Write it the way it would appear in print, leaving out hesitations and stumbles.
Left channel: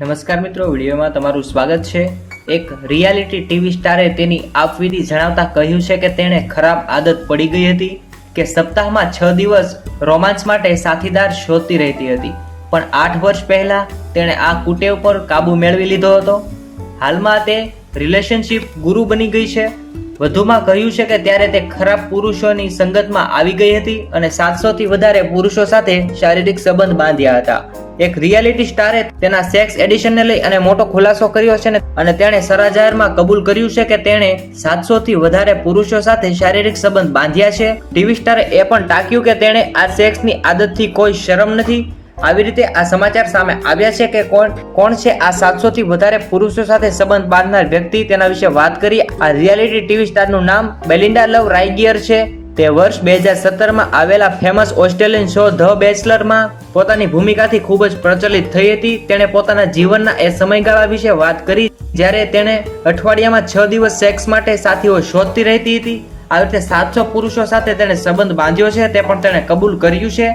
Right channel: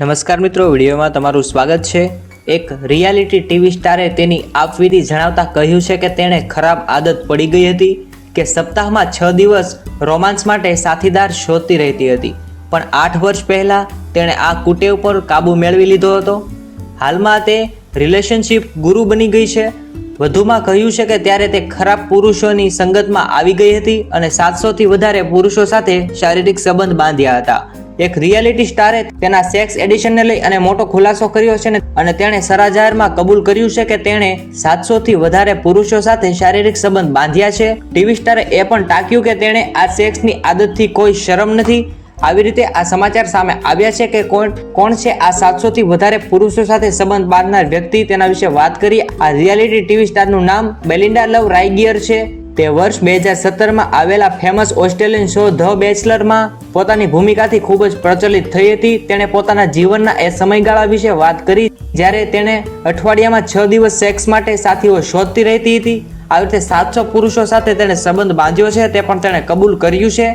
નમસ્કાર મિત્રો, વિડીયોમાં તમારું સ્વાગત છે। એક રિયાલિટી ટીવી સ્ટારે તેની આપવીતી જણાવતા કહ્યું છે કે તેણે ખરાબ આદત પડી ગઈ હતી કે સપ્તાહમાં 6 દિવસ રોમાન્સ માટે સાથીદાર શોધતી રહેતી હતી, પણ 8 વર્ષ પહેલાં તેણે આ કુટેવ પર કાબૂ મેળવી લીધો હતો। હાલમાં તે રિલેશનશિપ ગુરુ બની ગઈ છે। વધુમાં કહ્યું છે કે ત્યારે તે ખરાબ પુરુષોની સંગતમાં આવી ગઈ હતી અને 700થી વધારે પુરુષો સાથે શારીરિક સંબંધ બાંધ્યા હતા। એક રિયાલિટી સ્ટારે તેના સેક્સ એડિશનને લઈ અને મોટો ખુલાસો કર્યો છે અને તેણે સરાજાહેરમાં કબૂલ કર્યું છે કે તેણે 700થી વધારે પુરુષો સાથે શારીરિક સંબંધ બાંધ્યા છે। ટીવી સ્ટારે એ પણ ટાંક્યું કે તેણે આ સેક્સની આદતથી કોઈ શરમ નથી। આવી રીતે આ સમાચાર સામે આવ્યા છે કે કોણ છે આ 700થી વધારે પુરુષો સાથે સંબંધ બાંધનાર વ્યક્તિ, તેના વિશે વાત કરી। આ રિયાલિટી ટીવી સ્ટારનું નામ બેલિન્ડા લવ રાયગિયર છે। તે વર્ષ 2017માં આવેલા ફેમસ ઓસ્ટ્રેલિયન શો ધ બેચલરમાં પોતાની ભૂમિકાથી ખૂબ જ પ્રચલિત થઈ હતી। તેણે પોતાના જીવનના એ સમયગાળા વિશે વાત કરી જ્યારે તેણે અઠવાડિયામાં 6 દિવસ સેક્સ માટે સાથીઓ શોધતી રહેતી હતી। આ રીતે 700 પુરુષો સાથે તેણે સંબંધ બાંધ્યો છે, તે પણ તેણે કબૂલ કર્યું છે।